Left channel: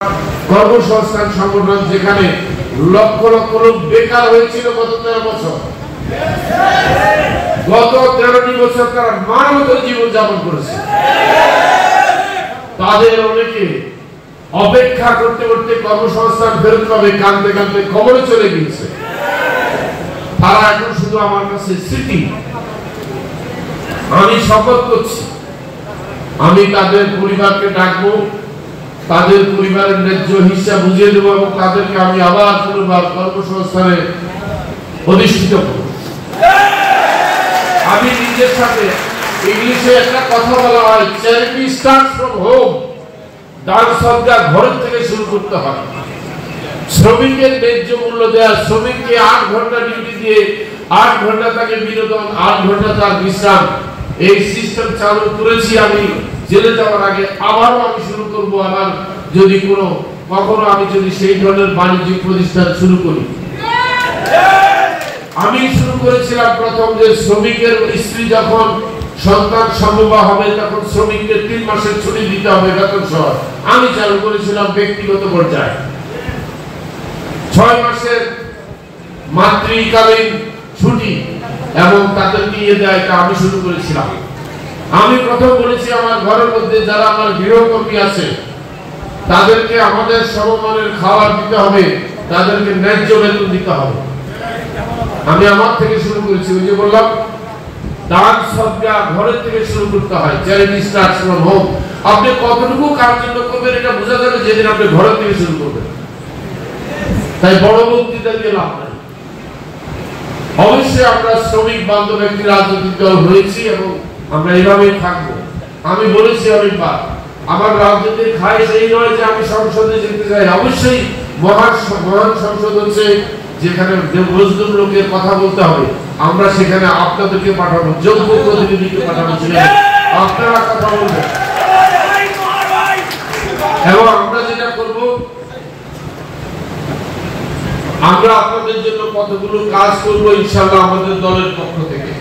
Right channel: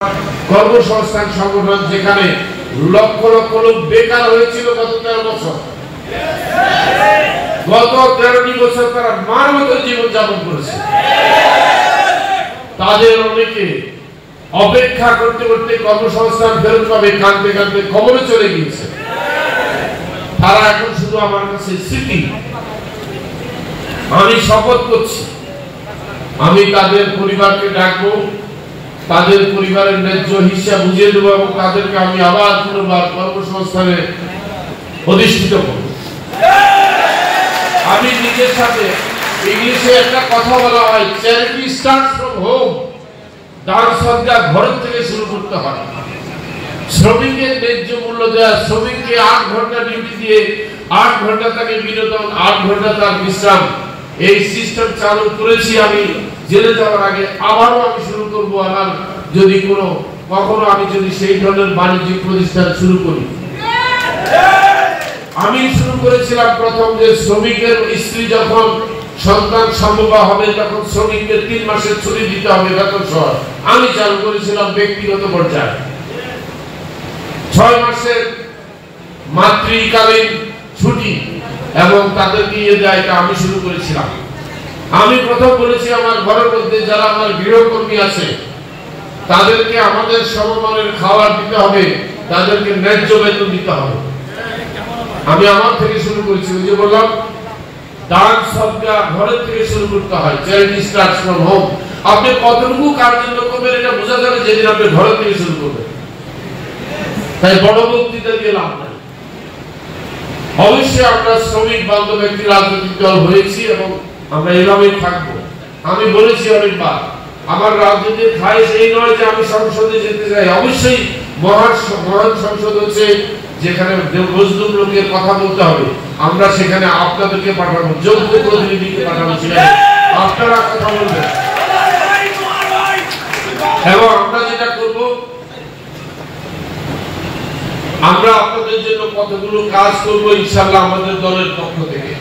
কর্মসংস্থান সংগঠন যেখানে লক্ষ লক্ষ লোক বেকার হয়েছিল গত 13 বছর। গত 13টি বছর তারা মানবত জীবন যাপন করেছে। তাদের অনেকে অপেক্ষা করতে করতে কর্মসংস্থান ফেরত পাবে কাঁদতে কাঁদতে খবরে চলে গিয়েছে। তারা এখন শুধু আমার কাছে স্মৃতি। আমি শপথ করছি, আমি তাদের পরিবারকে ডাকবো, তাদের পরিবারের ন্যায্য হিসাব বুঝিয়ে দেবো এবং তাদেরকে আমি আবার পুনর্বার কর্মসংস্থানে প্রতিষ্ঠিত করব। আমি নিজের সাথে ইংলিশে একটা কথা বলা হয়, চ্যারিটি স্টার্টস ফ্রম হোম। দান সদকা ঘর থেকে শুরু করতে হয়। শ্রমিকের ন্যায্য মূল্য দেওয়া, শ্রমিককে 8 ঘন্টা ডিউটি দিয়ে 8 ঘন্টা তাকে বিনোদন, 8 ঘন্টা তার বিশ্রাম, এই সিস্টেম চালু করেছি আমি জেলে যাওয়ার আগে। আবারও আমি শুরু করবো। আমার যদি কখনো আমি যদি সেই ধরনের বাণিজ্যিক প্রতিষ্ঠান শুরু করি, আমি শুরু করেছিলাম প্রথম যে শ্রমিকের স্ত্রী যখন সন্তান সম্ভব হবে তখন শ্রমিকদের 3 মাসের ছুটি দিতে হবে বেতন সহ। আমি চালু করেছিলাম ব্যক্তিগত পর্যায়ে 6 মাসের মাতৃকালীন ছুটি এবং তাদেরকে দেয়, এটা আমি শুরু করেছিলাম। আমি প্রথম বলেছি আমার ঘরের মধ্যে যারা আমার গৃহকর্মী আছে তাদেরকে আমাদের সমমানের খাবার দিতে হবে, তাদেরকে ন্যায্য বেতন দিতে হবে। আমি আমার থেকে শুরু করেছি। ওই যে বললাম দান সদকা ঘরের থেকে শুরু করতে হয়, চ্যারিটি স্টার্টস ফ্রম হোম। আপনি কতটুকু কার জন্য করবেন এটা বোঝা যাবে যেদিন আপনি ঘরের থেকে শুরু করবেন। তাই বড় বক্তৃতা দিয়ে লাভ নাই। অবশ্যই আমরা শ্রমিক বান্ধব একটি রাজনৈতিক দল হয়েছি এবং আমরা এইভাবেই থাকবো। আমি বলেছি অনেকবার আমার রাজনীতির খায়েশ এই নয় যে আমি সংসদে যেতে চাই। অবশ্যই মহান সংসদ হচ্ছে যেখানে মজলুম লোকের কথা বলতে হবে। আমরা সেখানে আপনাদেরকে পাঠাবো, যোগ্য প্রতিনিধিকে পাঠাবো, আপনারা কথা বলবেন। এবং আমরা যেটা করব, আমরা আপনাদের জন্য কতগুলো কাজ করবো ইনশাআল্লাহ আমাদের দলের পক্ষ থেকে।